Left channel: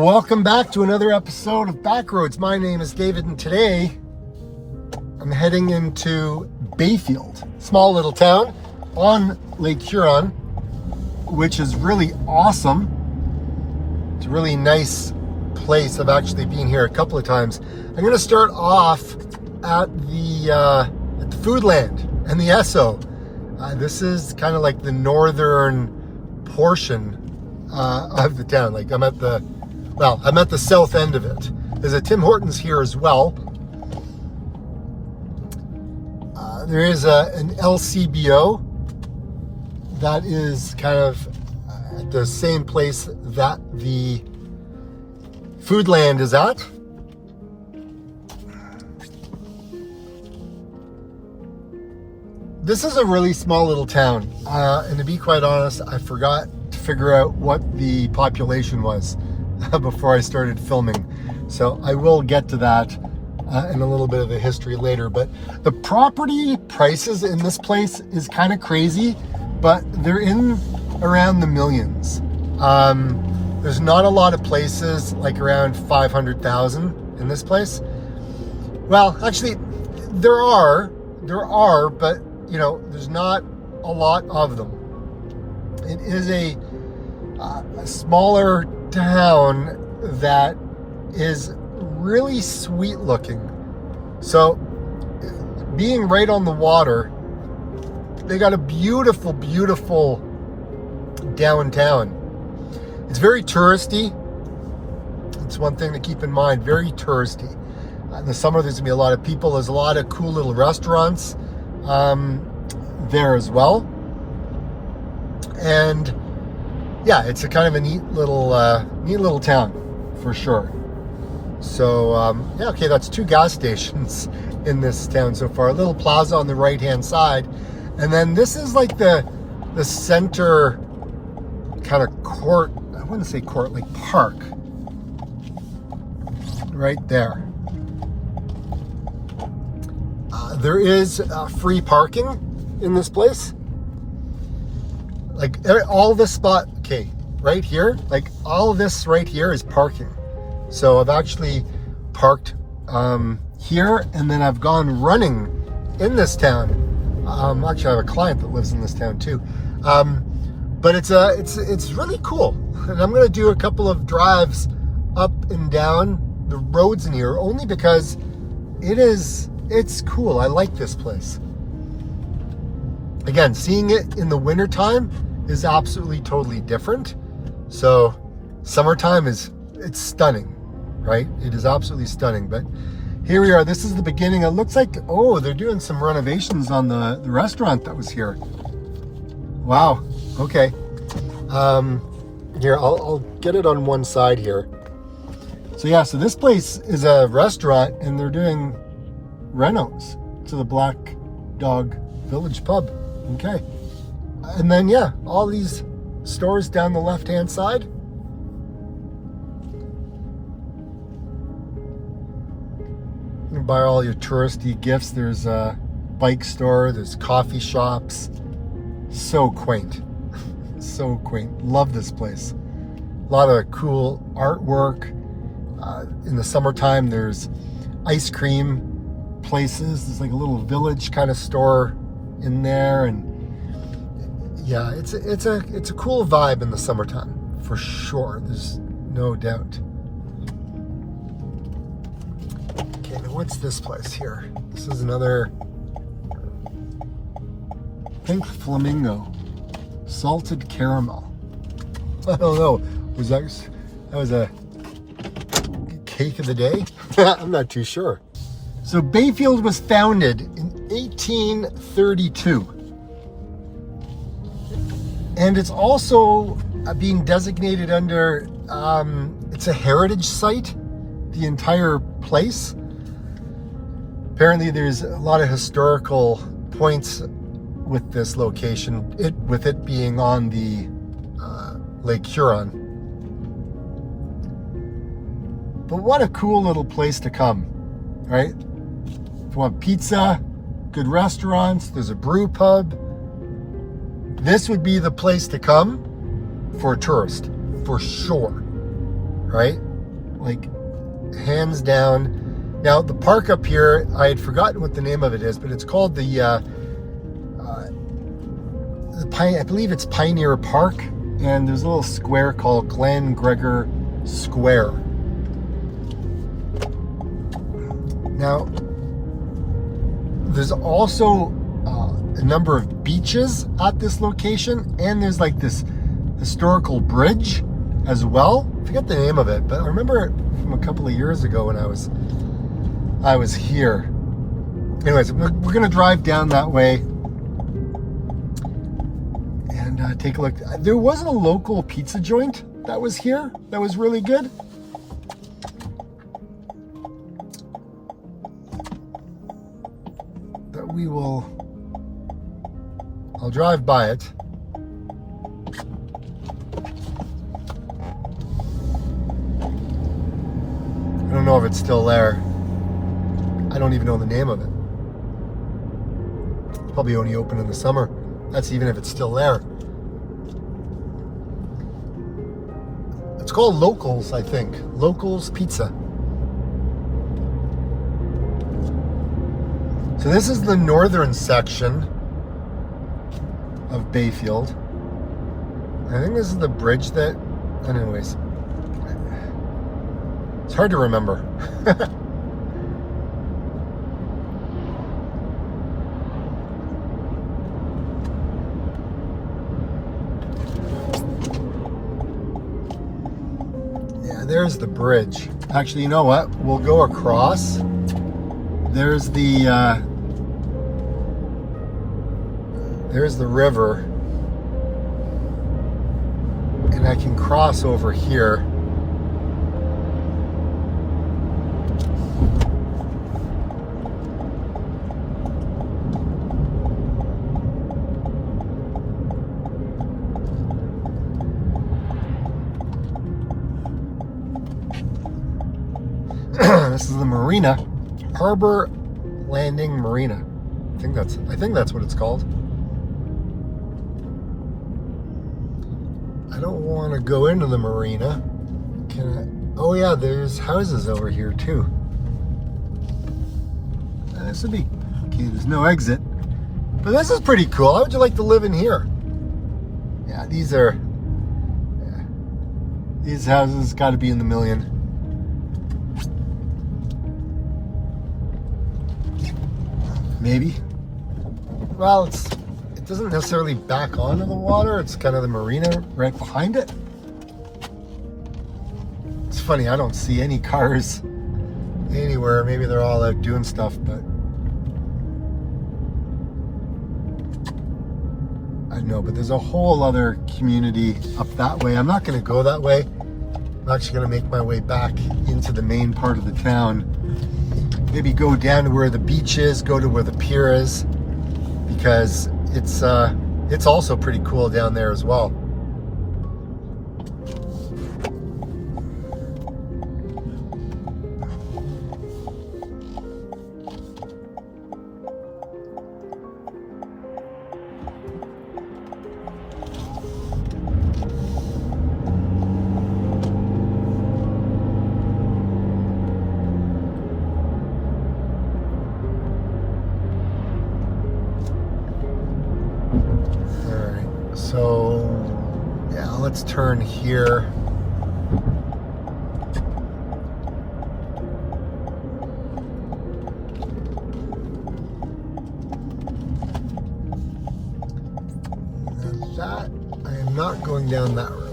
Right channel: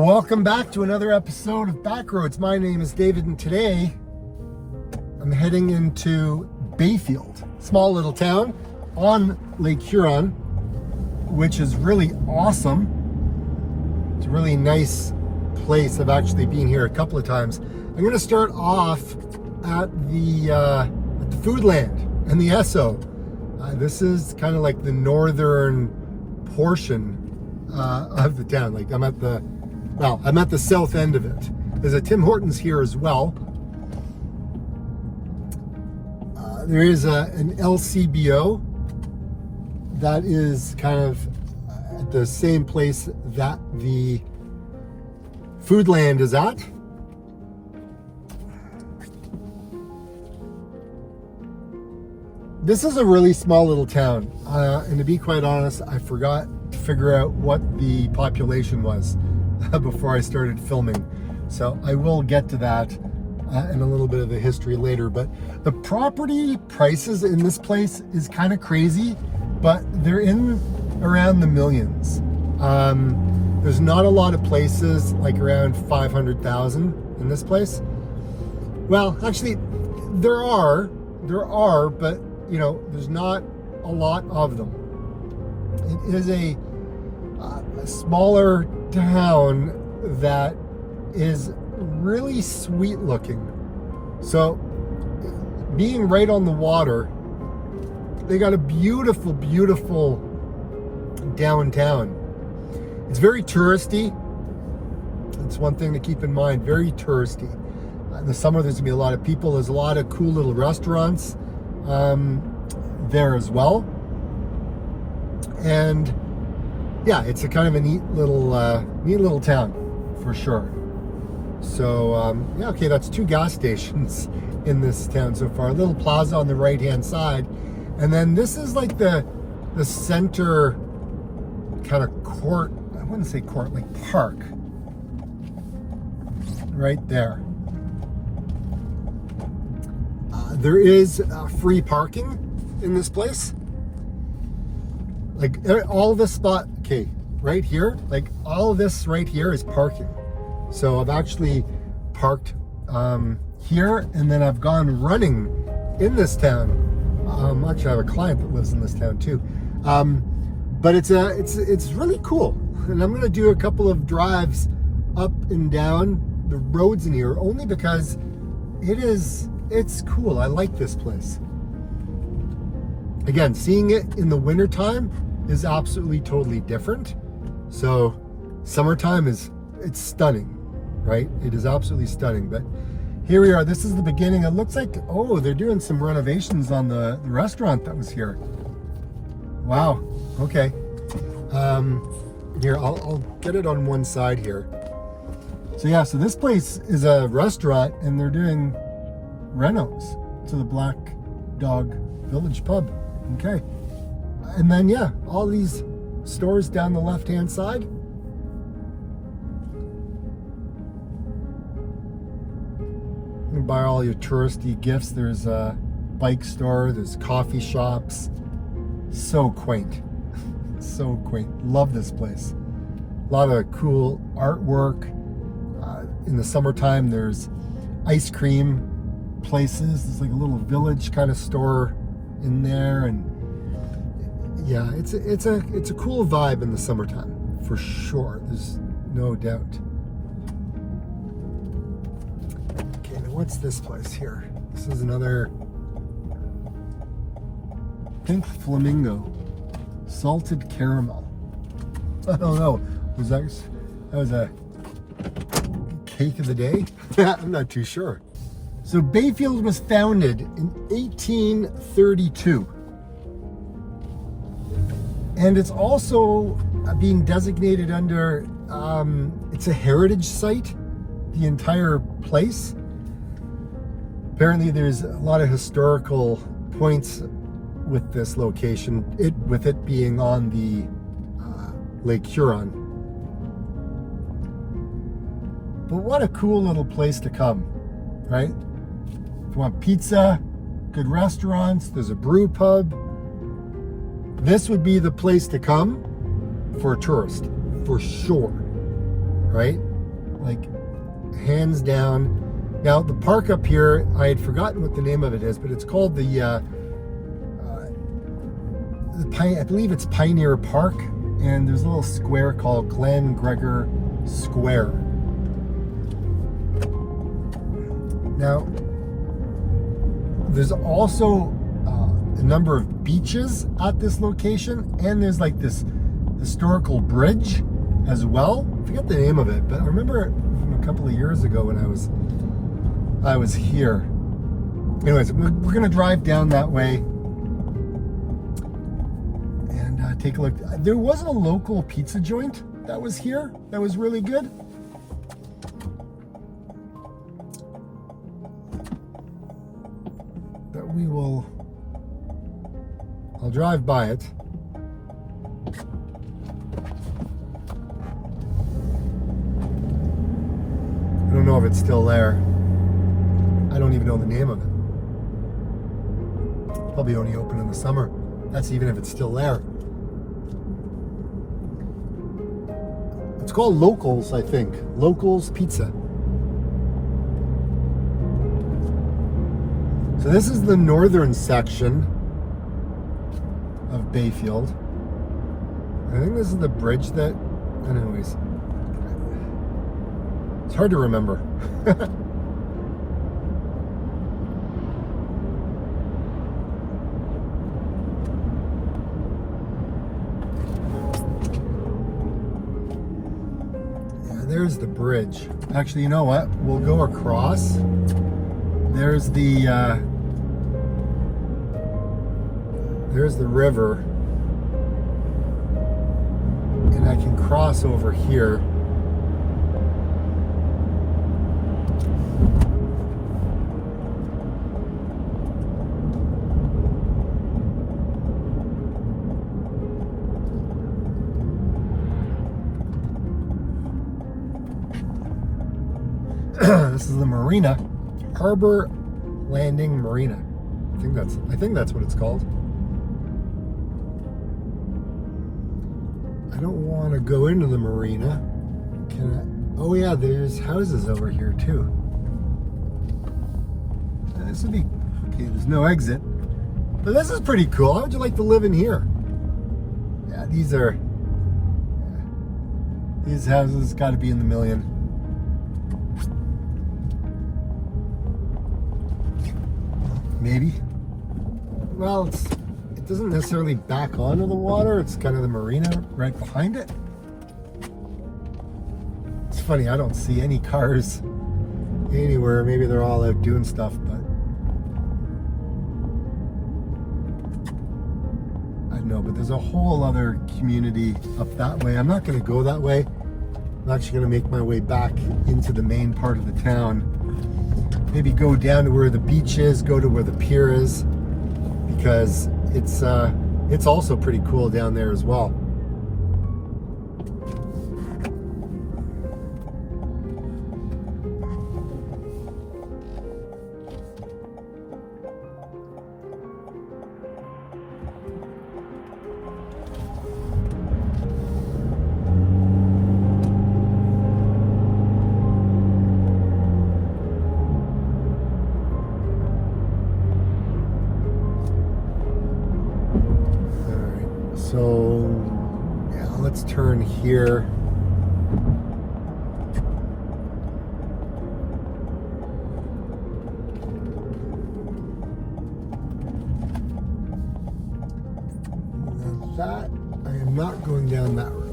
Well, welcome back to another episode of Backroads. My name is David, and today I'm heading into Bayfield, small little town on Lake Huron, which is really awesome. It's a really nice place. I've actually been here a couple of times. I'm going to start off at the Foodland and the Esso. This is kind of like the northern portion of the town. Like I'm at the south end of it. There's a Tim Hortons here as well. There is an LCBO that is kind of at the same place that the Foodland is at. This is a really small little town, and to be quite honest, I forgot to figure out what the population was before I started filming. So I will get to that in a little bit of the history later. But the property prices in this place is kind of crazy, but they're in around the millions. There's not a lot of places like around 500,000 in this place. Well, actually, there are, but you know, there's not a lot of them. It is a smaller town that is really sweet looking. So being right on the water, they got a beautiful, beautiful downtown. It's very touristy. It's one thing to keep in mind, very touristy. In the summer, there's gonna be a lot of people. There's a lot of cool little restaurants there as well. And yeah, it's a kind of a neat little town for sure. So yeah, okay, that's 2 gas stations in this town so far. A little plaza on the right hand side, and then this is like the center kind of court. I wouldn't say court, like park right there. There is free parking in this place. Like all this spot, okay, right here, like all of this right here is parking. So I've actually parked here, and then I've gone running in this town. Actually, I have a client that lives in this town too. But it's really cool, and I'm gonna do a couple of drives up and down the roads in here, only because it's cool. I like this place. Again, seeing it in the wintertime is absolutely totally different. So summertime it's stunning, right? It is absolutely stunning. But here we are. This is the beginning. It looks like, oh, they're doing some renovations on the restaurant that was here. Wow. Okay. Here, I'll get it on one side here. So yeah, so this place is a restaurant, and they're doing renos to the Black Dog Village pub. Okay. And then yeah, all these stores down the left hand side. You can buy all your touristy gifts. There's a bike store, there's coffee shops. So quaint. So quaint. Love this place. A lot of cool artwork. In the summertime, there's ice cream places. There's like a little village kind of store in there, and yeah, it's a cool vibe in the summertime for sure. There's no doubt. Okay, now what's this place here? This is another Pink Flamingo salted caramel. I don't know. That was a cake of the day? I'm not too sure. So Bayfield was founded in 1832. And it's also being designated under, it's a heritage site, the entire place. Apparently there's a lot of historical points with this location, with it being on the Lake Huron. But what a cool little place to come, right? If you want pizza, good restaurants, there's a brew pub. This would be the place to come for a tourist, for sure, right? like hands down. Now the park up here, I had forgotten what the name of it is, but it's called the I believe it's Pioneer Park, and there's a little square called Glen Gregor Square. Now, there's also a number of beaches at this location, and there's like this historical bridge as well. I forget the name of it, but I remember it from a couple of years ago when I was here. Anyways, we're gonna drive down that way and take a look. There was a local pizza joint that was here that was really good. I'll drive by it. I don't know if it's still there. I don't even know the name of it. Probably only open in the summer. That's even if it's still there. It's called Locals, I think. Locals Pizza. So this is the northern section of Bayfield. I think this is the bridge that, anyways, it's hard to remember. Yeah, there's the bridge. Actually, you know what? We'll go across. There's the river, and I can cross over here. This is the marina, Harbor Landing Marina. I think that's what it's called. I don't want to go into the marina. Can I? Oh yeah, there's houses over here too. This would be okay. There's no exit, but this is pretty cool. How would you like to live in here? Yeah, these houses got to be in the million. Maybe. Well, it doesn't necessarily back onto the water. It's kind of the marina right behind it. It's funny, I don't see any cars anywhere. Maybe they're all out doing stuff, but I don't know. But there's a whole other community up that way. I'm not going to go that way. I'm actually going to make my way back into the main part of the town. Maybe go down to where the beach is, go to where the pier is, because it's also pretty cool down there as well. So, yeah, let's turn here. Now that, I am not going down that road.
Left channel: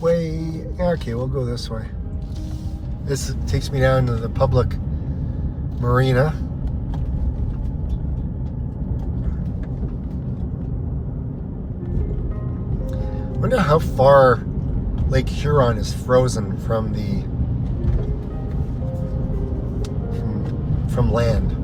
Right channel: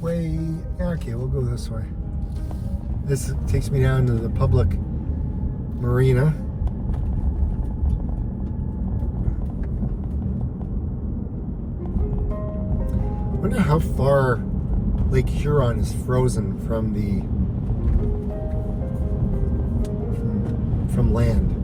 Way, okay, we'll go this way. This takes me down to the public marina. Wonder how far Lake Huron is frozen from from land.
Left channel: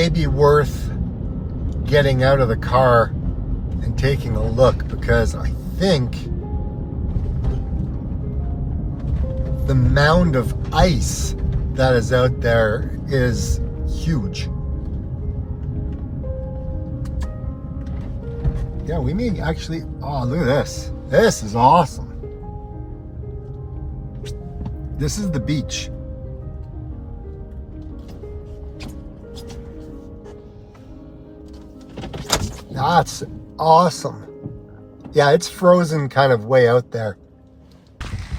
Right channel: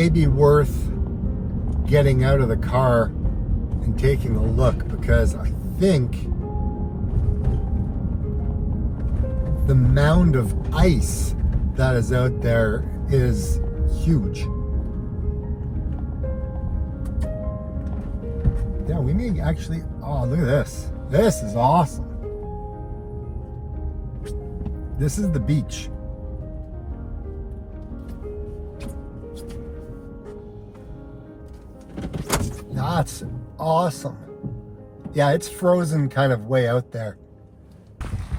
may be worth getting out of the car and taking a look, because I think the mound of ice that is out there is huge. Yeah, we may actually, oh, look at this. This is awesome. This is the beach. That's awesome. Yeah, it's frozen kind of way out there.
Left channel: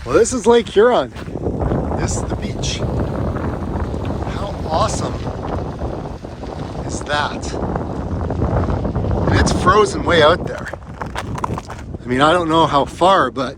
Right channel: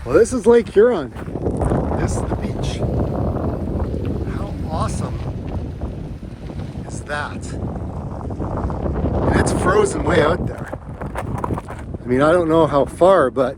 Well, this is Lake Huron. This is the beach. How awesome is that? And it's frozen way out there. I mean, I don't know how far, but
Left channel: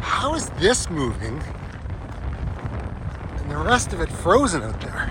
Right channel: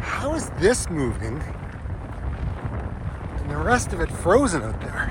how is this moving and the rest of it frozen out there?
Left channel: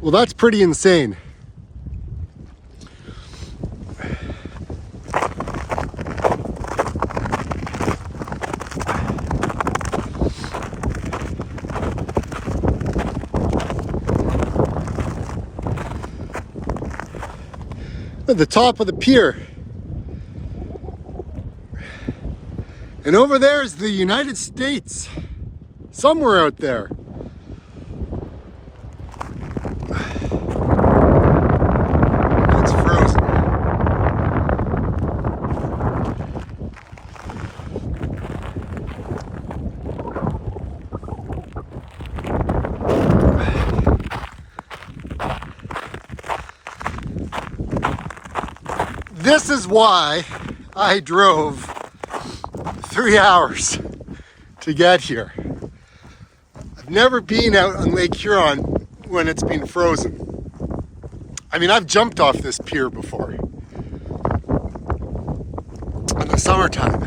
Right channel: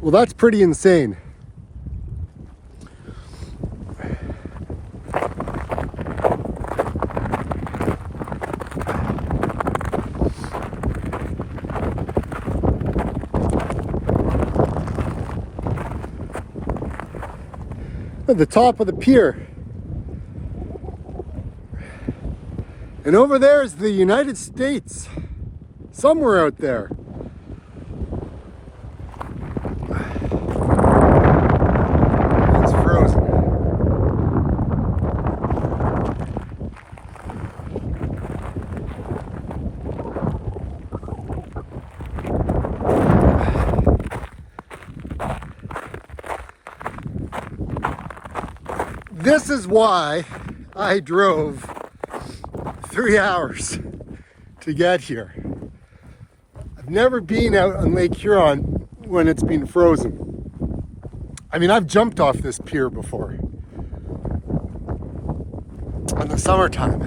Well, that's pretty insane. At the top of the pier. And over there is the United States. Somewhere out there. It's frozen. This is why I drove 3 hours to get here. I've never been out on Lake Huron when it's been frozen. I mean, I've jumped off this pier before in the summertime.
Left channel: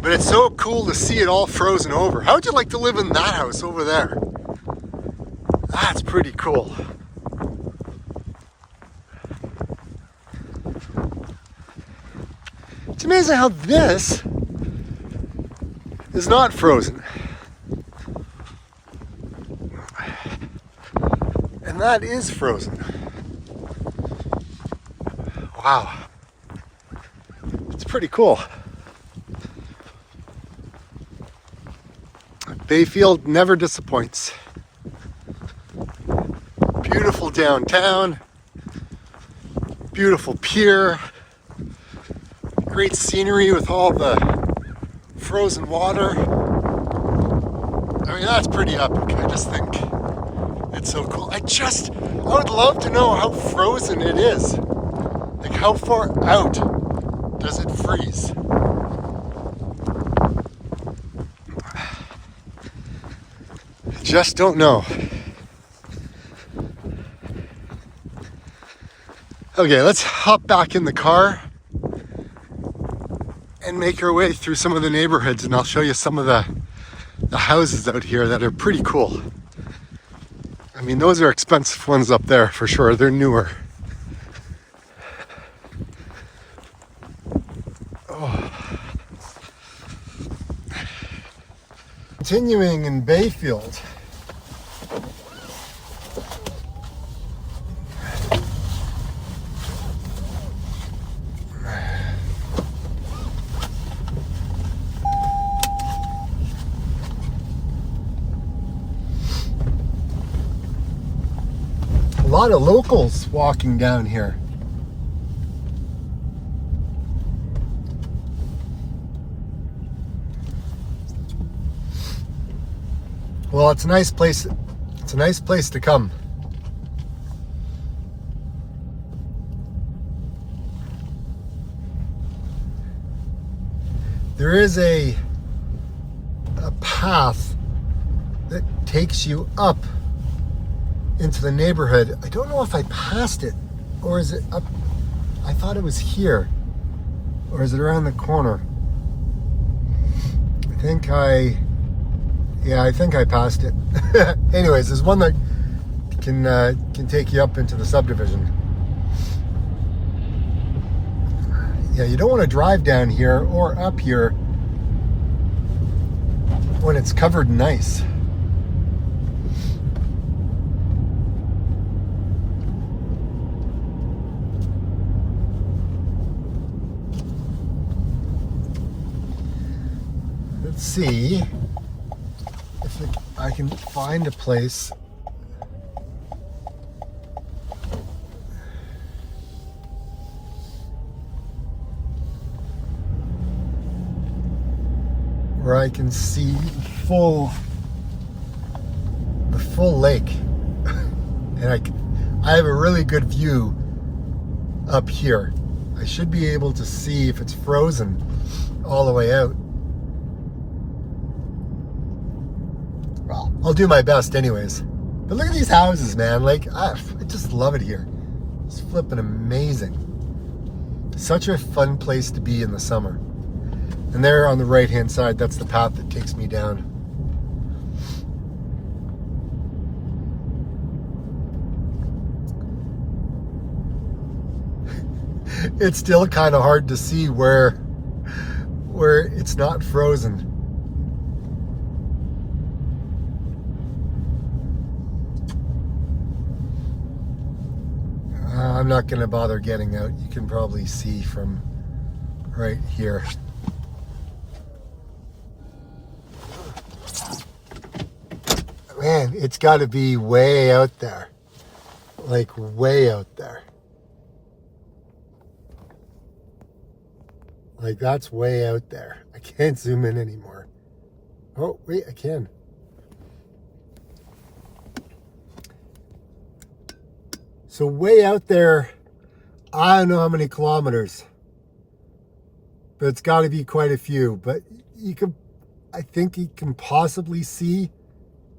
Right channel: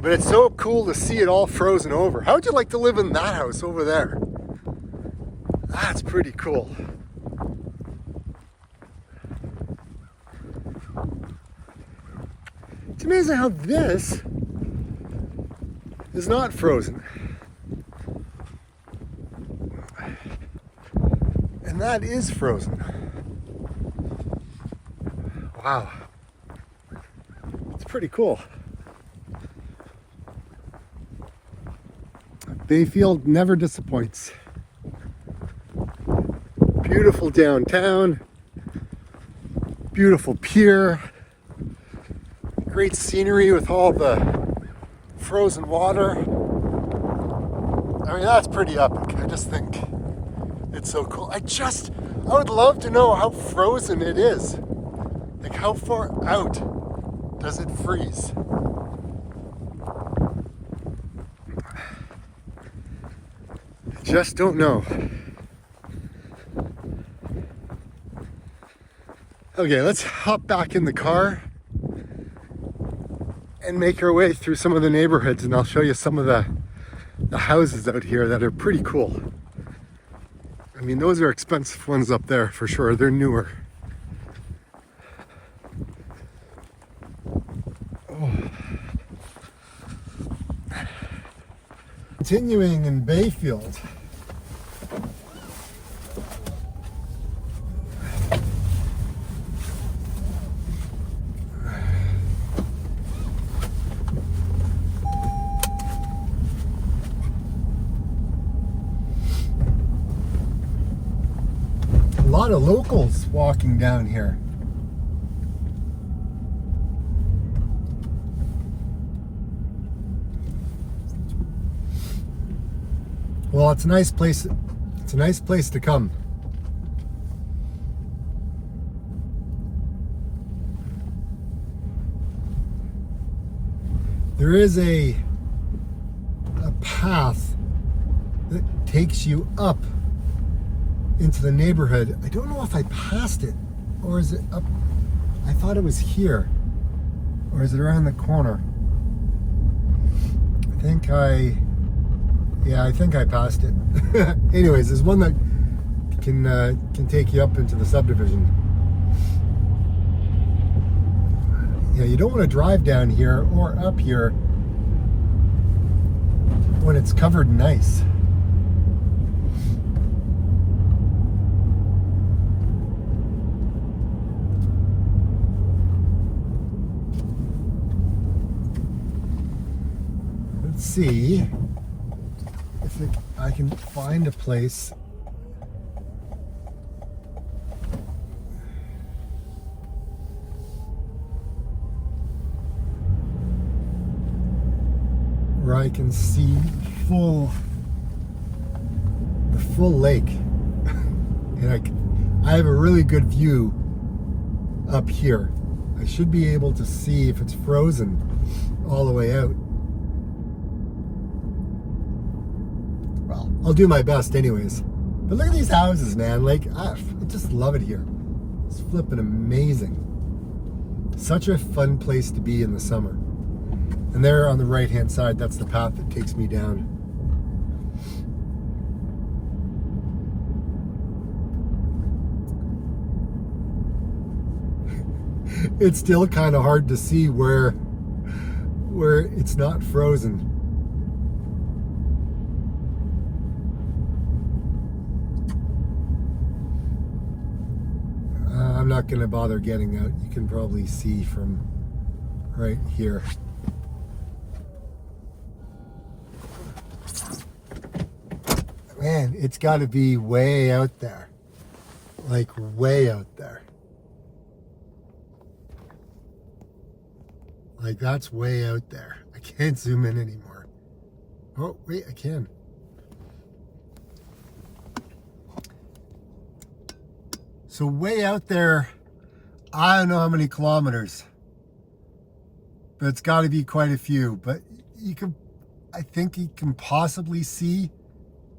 But it's so cool to see it all frozen over. How would you like to live in that house over there? That's pretty cool. It's amazing how this is not frozen. And that is frozen. Wow. It's pretty cool. Bayfield never disappoints. Beautiful downtown. Beautiful pier. Great scenery with all the frozen water. I mean, that's pretty epic. I just think it's so cool. I would love to know how frozen it is. Like, how far out does it freeze? I just don't know. Okay, let's hop back in the car and make our way through some of the neighborhoods, and I'll show you some of the houses out here that are pretty cool. I mean, those are expensive ones up there for sure. They're newer. Oh. Continuing in Bayfield. A lot of locals walking down here. Well, it's a nice place. It's a nice place to come. There is a path that takes you up into the neighborhood. I don't know if I passed it, or is it up? I thought it was here, or is it around the corner? I think I passed it. Anyways, there's one that can take you up into the subdivision. Yeah, you don't want to drive down here or up here when it's covered in ice. Let's see if I can find a place where I can see the full lake. And I have a really good view up here. I should be able to see if it's frozen all the way out. Well, I'll do my best anyways. But look at these houses, man. Like, I just love it here. It's flipping amazing. Such a fun place to be in the summer. And there on the right hand side, that's the path that takes me down. It's still kind of hard to see where it's not frozen. I'm not going to bother getting out. You can probably see from right here. Man, it's got to be way out there. Like way out there. Like that's way out there. I can't zoom in anymore. Oh, wait, I can. So way out there, I don't know how many kilometers, but it's got to be quite a few. But I think you can possibly see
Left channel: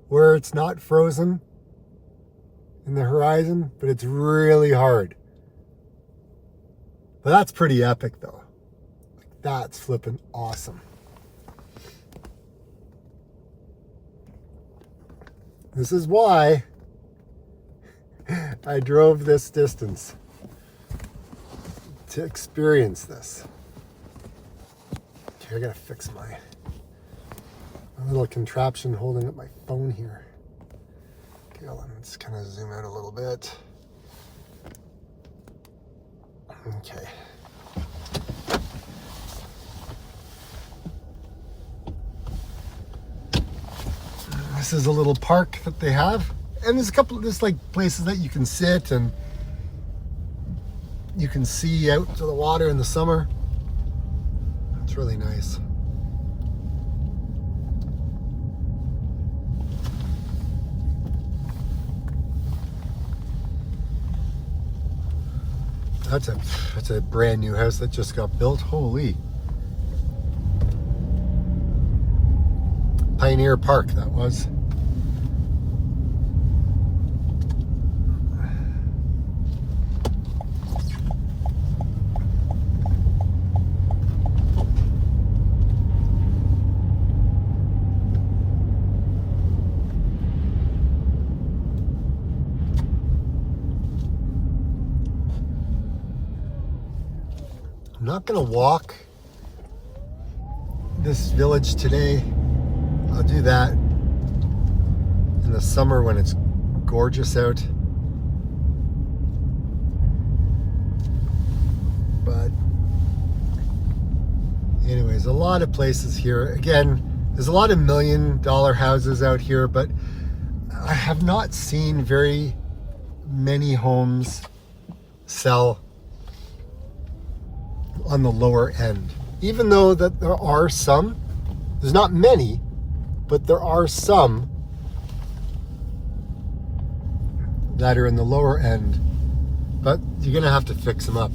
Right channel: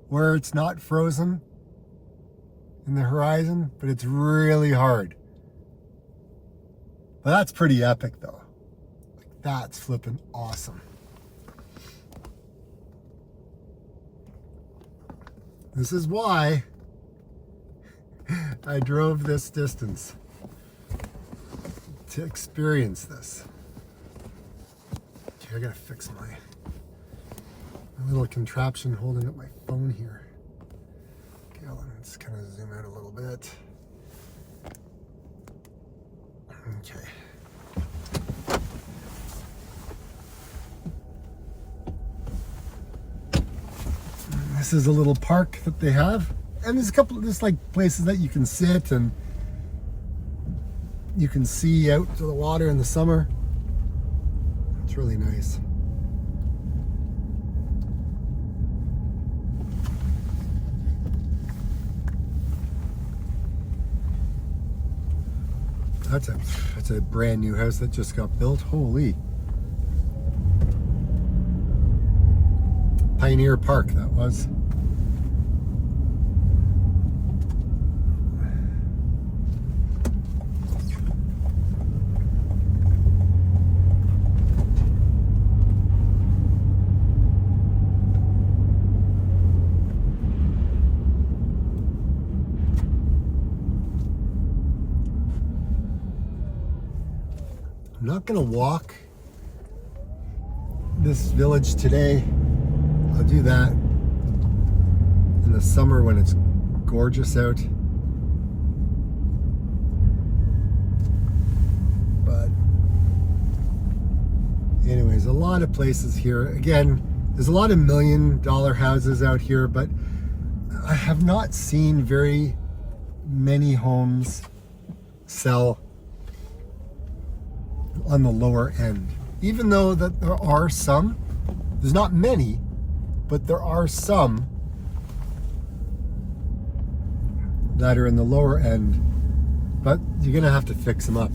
where it's not frozen in the horizon, but it's really hard. But that's pretty epic though. Like, that's flipping awesome. This is why I drove this distance to experience this. Okay, I gotta fix my little contraption holding up my phone here. Okay, let's kind of zoom out a little bit. Okay. This is a little park that they have, and there's like places that you can sit and you can see out to the water in the summer. It's really nice. That's a brand new house that just got built. Holy. Pioneer Park, that was. I'm not gonna walk this village today. I'll do that in the summer when it's gorgeous out. But anyways, a lot of places here. Again, there's a lot of $1 million houses out here, but I have not seen very many homes sell on the lower end. Even though that there are some, there's not many, but there are some that are in the lower end, but you're gonna have to fix them up.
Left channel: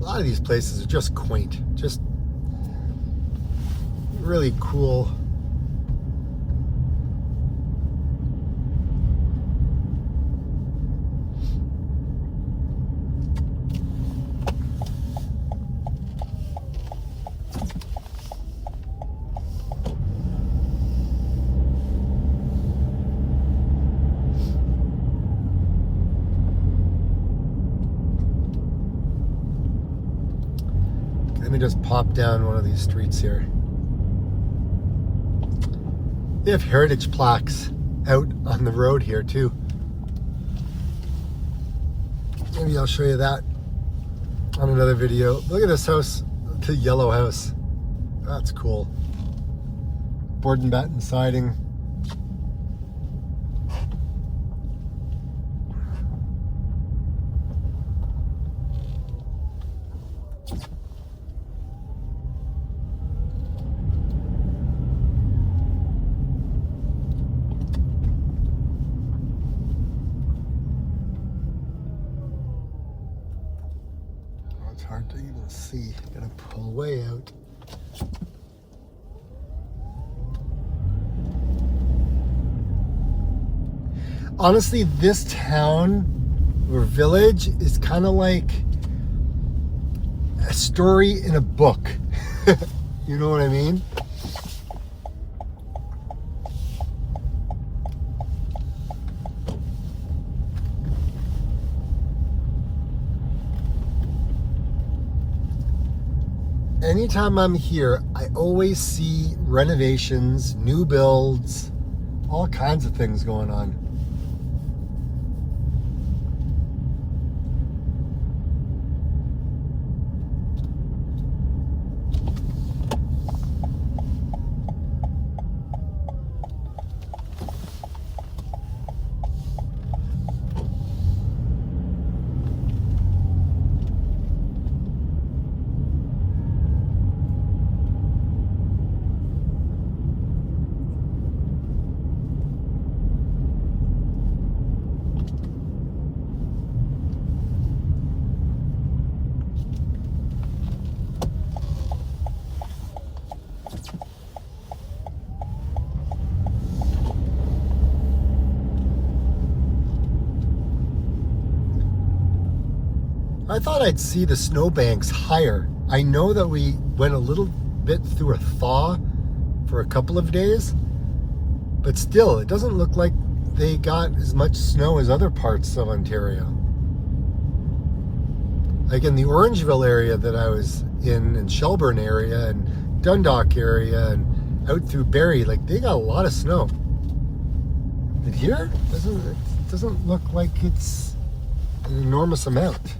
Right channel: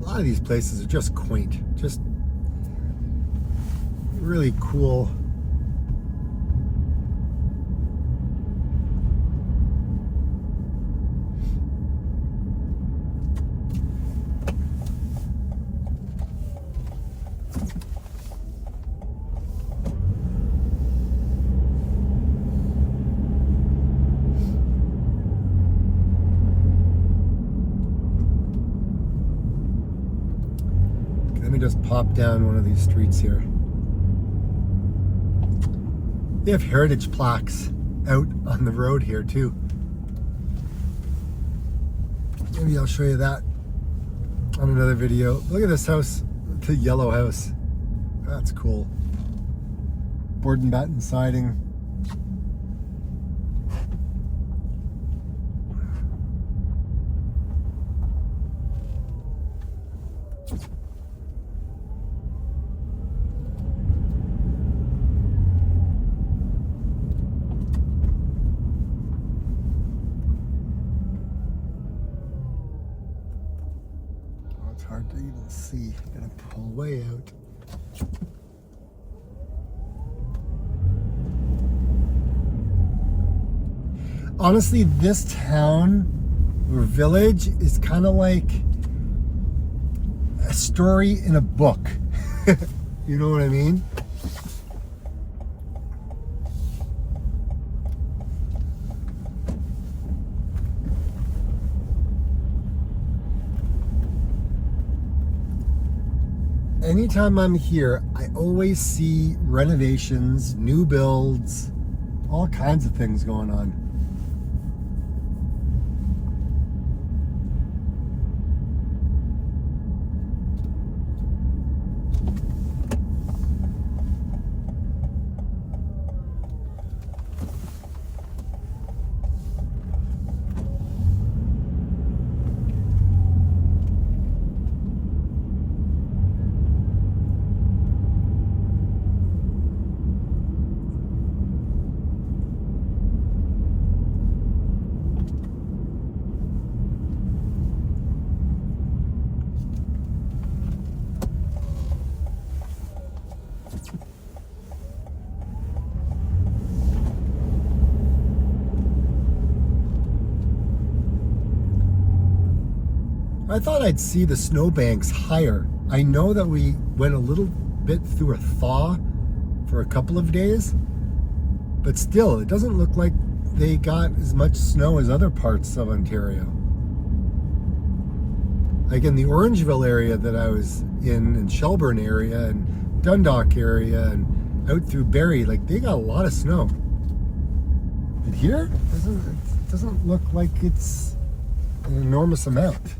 A lot of these places are just quaint, just really cool. Let me just pop down one of these streets here. They have heritage plaques out on the road here too. Maybe I'll show you that on another video. Look at this house, the yellow house. That's cool. Board and batten siding. Hard to even see. I'm gonna pull way out. Honestly, this town or village is kind of like a story in a book. You know what I mean? Anytime I'm here, I always see renovations, new builds, all kinds of things going on. I thought I'd see the snowbanks higher. I know that we went a little bit through a thaw for a couple of days, but still, it doesn't look like they got as much snow as other parts of Ontario. Like in the Orangeville area that I was in, and Shelburne area, and Dundalk area, and out through Barrie, like they got a lot of snow. But here, it doesn't look like it's an enormous amount.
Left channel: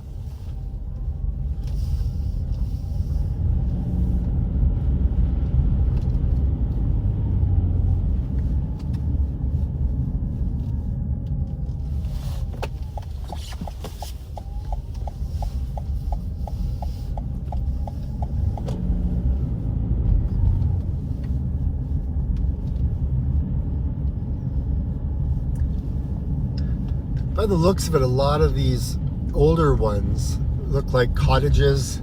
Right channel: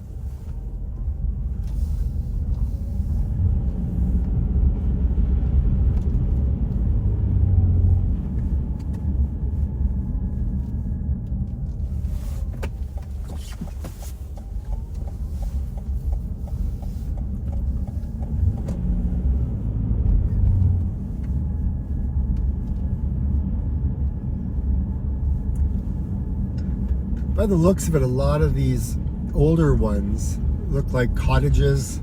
By the looks of it, a lot of these older ones look like cottages. I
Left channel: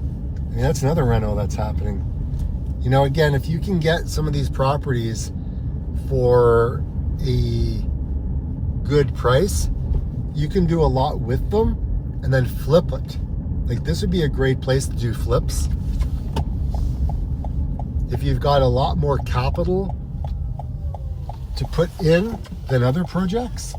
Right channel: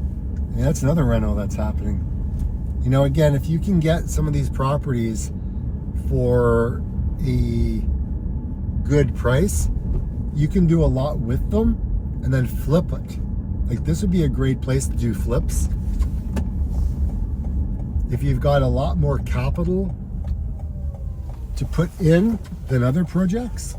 mean, that's another reno that's happening. You know, again, if you can get some of these properties for a good price, you can do a lot with them and then flip it. Like this would be a great place to do flips. If you've got a lot more capital to put in than other projects.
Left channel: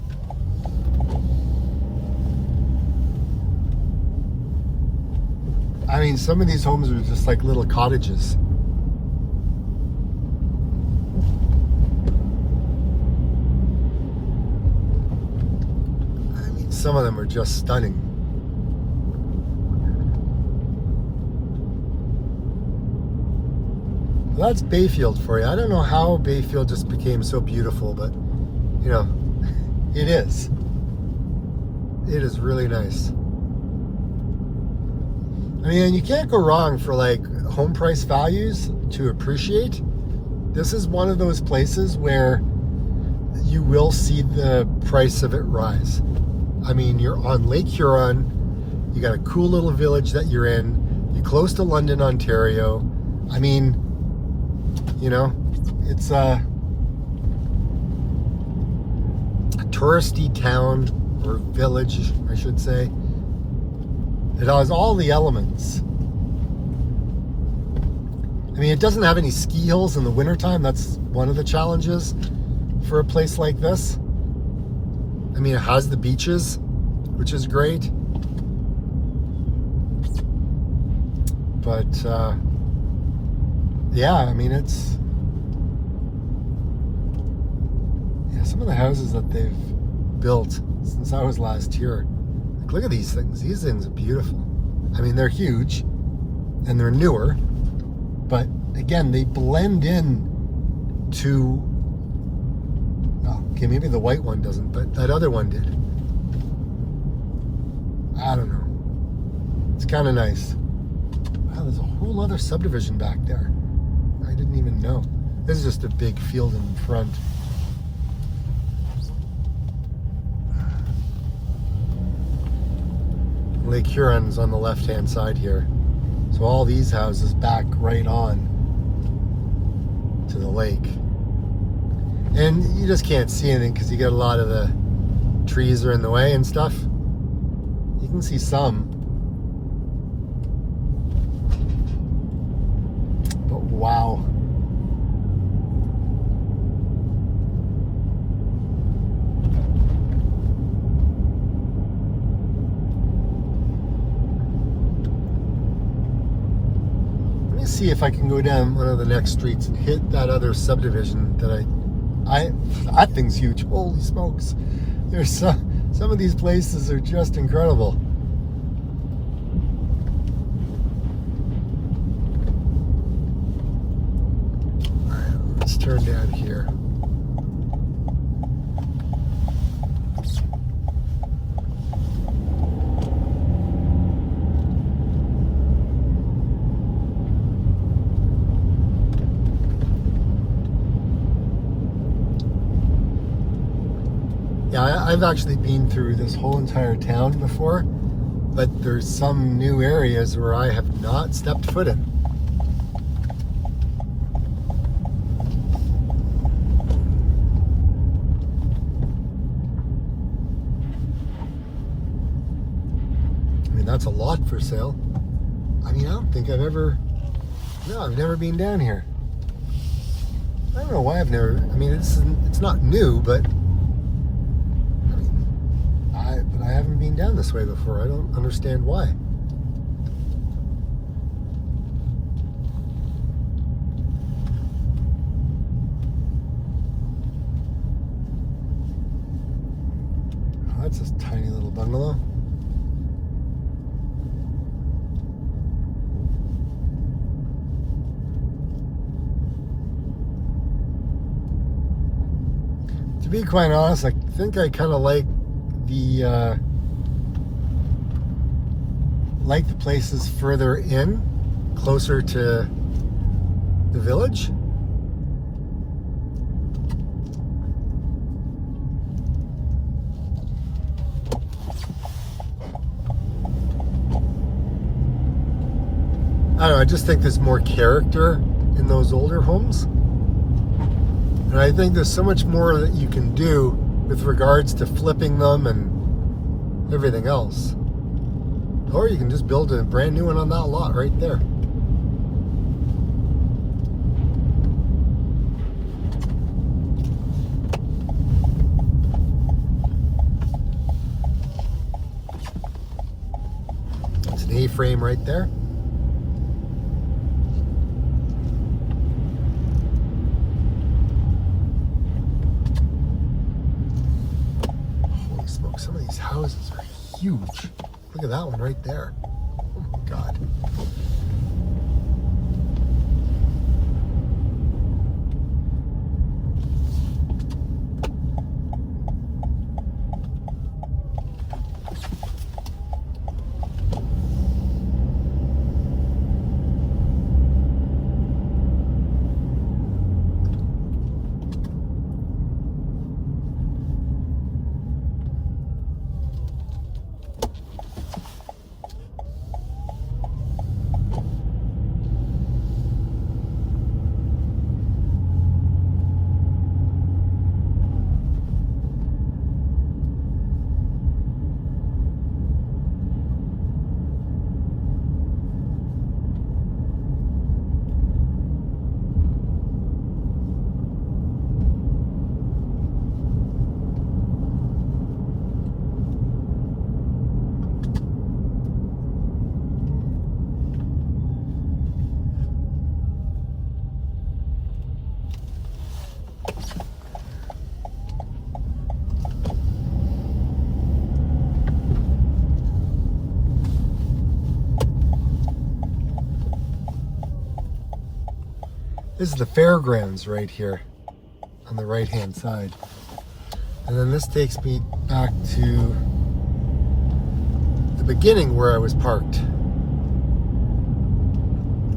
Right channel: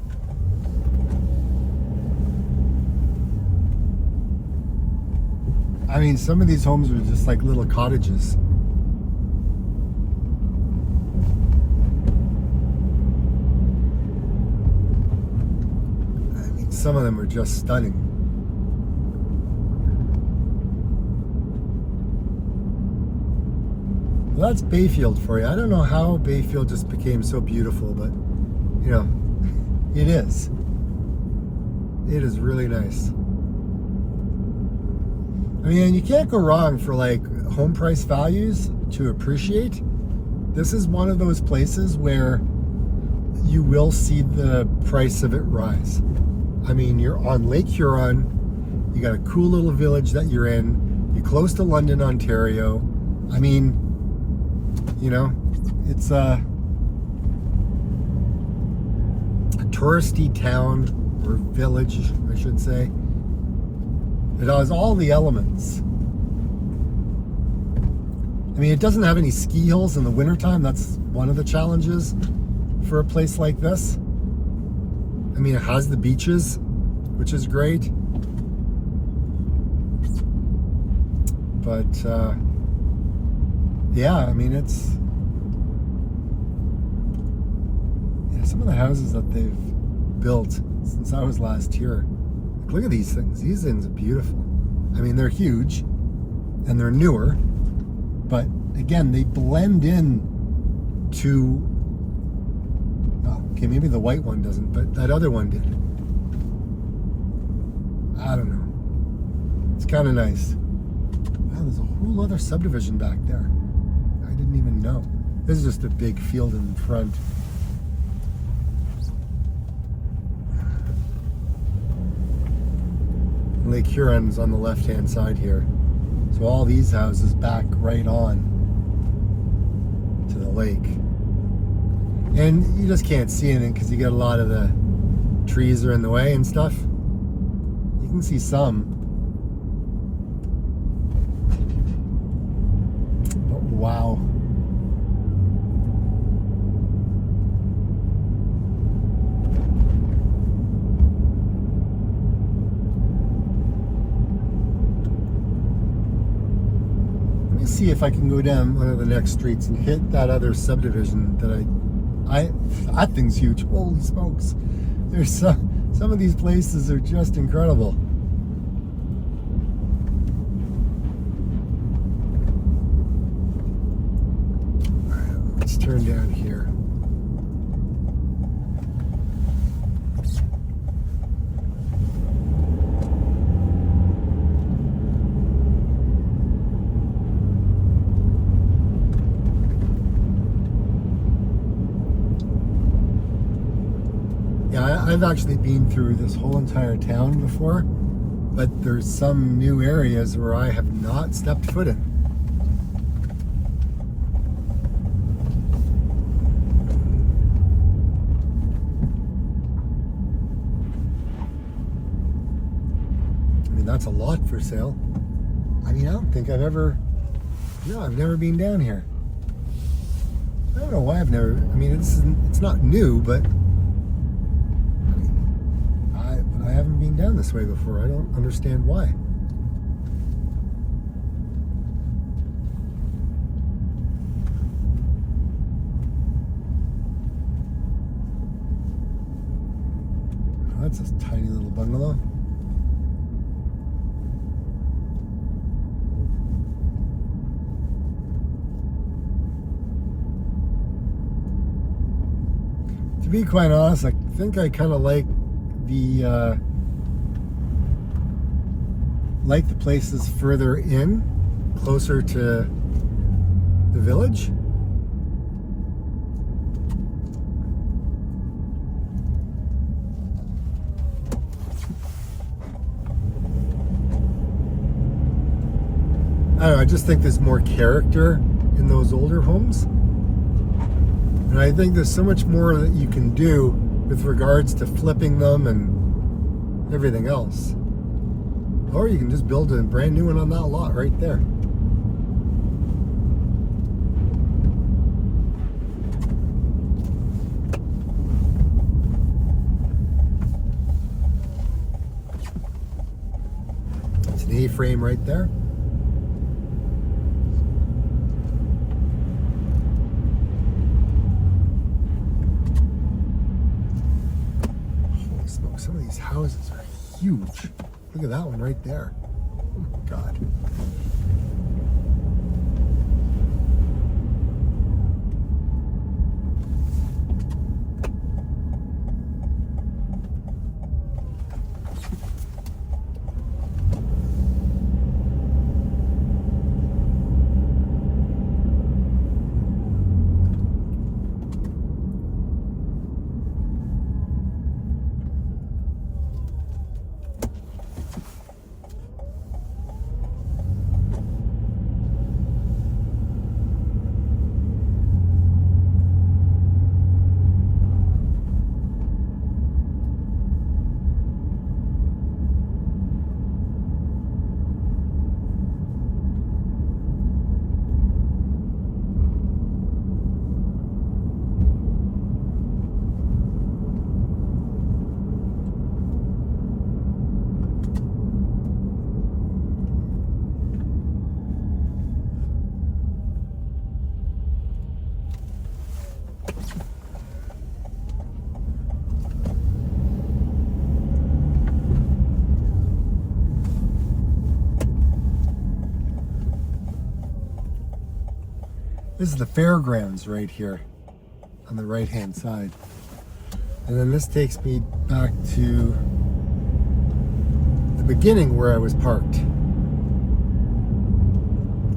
I mean, some of these homes are just like little cottages. I mean, some of them are just stunning. Well, that's Bayfield for you. I don't know how Bayfield just became so beautiful, but, you know, it is. It is really nice. I mean, you can't go wrong for like home price values to appreciate. This is one of those places where you will see the price of it rise. I mean, you're on Lake Huron, you got a cool little village that you're in, you're close to London, Ontario. I mean, you know, it's a touristy town or village, I should say. It has all the elements. I mean, it doesn't have any ski hills in the wintertime. That's one of the challenges for a place like this. I mean, it has the beaches, which is great. But, yeah, I mean, it's... Yeah, some of the houses that they've built since I was last here. Look at these things. These things are beautiful. I mean, they're huge and they're newer, but again, they blend in to, oh, okay, maybe the white one doesn't, but that other one did. I don't know. It's kind of nice. Wow, there's a whole other subdivision back there. I didn't even know. This is just a big field in front. Lake Huron's on the left-hand side here. So all these houses back right on to the lake. And you just can't see anything because you got a lot of the trees are in the way and stuff. You can see some. But wow. See if I can go down one of the next streets and hit that other subdivision that that thing's huge. Holy smokes. There's some of these places are just incredible. All right, let's turn down here. I've actually been through this whole entire town before, but there's some new areas where I have not stepped foot in. I mean, that's a lot for sale. I mean, I don't think I've never been down here. I don't know why I've never, I mean, it's not new, but I haven't been down this way before. I don't understand why. It's this tiny little bungalow. To be quite honest, I think I kind of like the places further in, closer to the village. I don't know, I just think there's more character in those older homes. And I think there's so much more that you can do with regards to flipping them and everything else. Or you can just build a brand new one on that lot right there. It's an A-frame right there. Holy smoke, some of these houses are huge. Look at that one right there. Oh my God. This is the fairgrounds right here on the right hand side. And then this takes me back to the beginning where I was parked.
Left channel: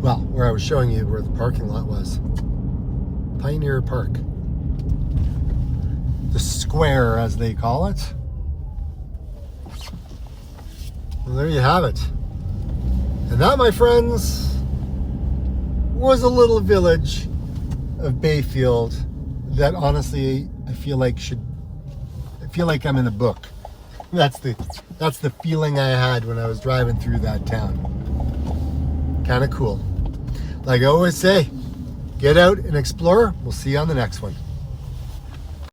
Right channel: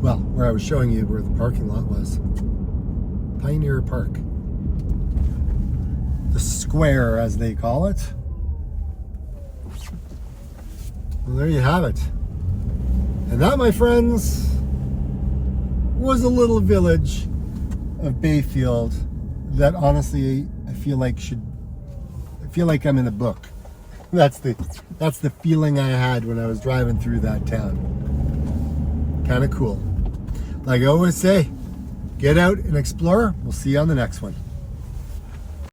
Well, where I was showing you where the parking lot was. Pioneer Park. The square, as they call it. Well, there you have it. And that, my friends, was a little village of Bayfield that honestly I feel like I'm in a book. That's the feeling I had when I was driving through that town. Kind of cool. Like I always say, get out and explore. We'll see you on the next one.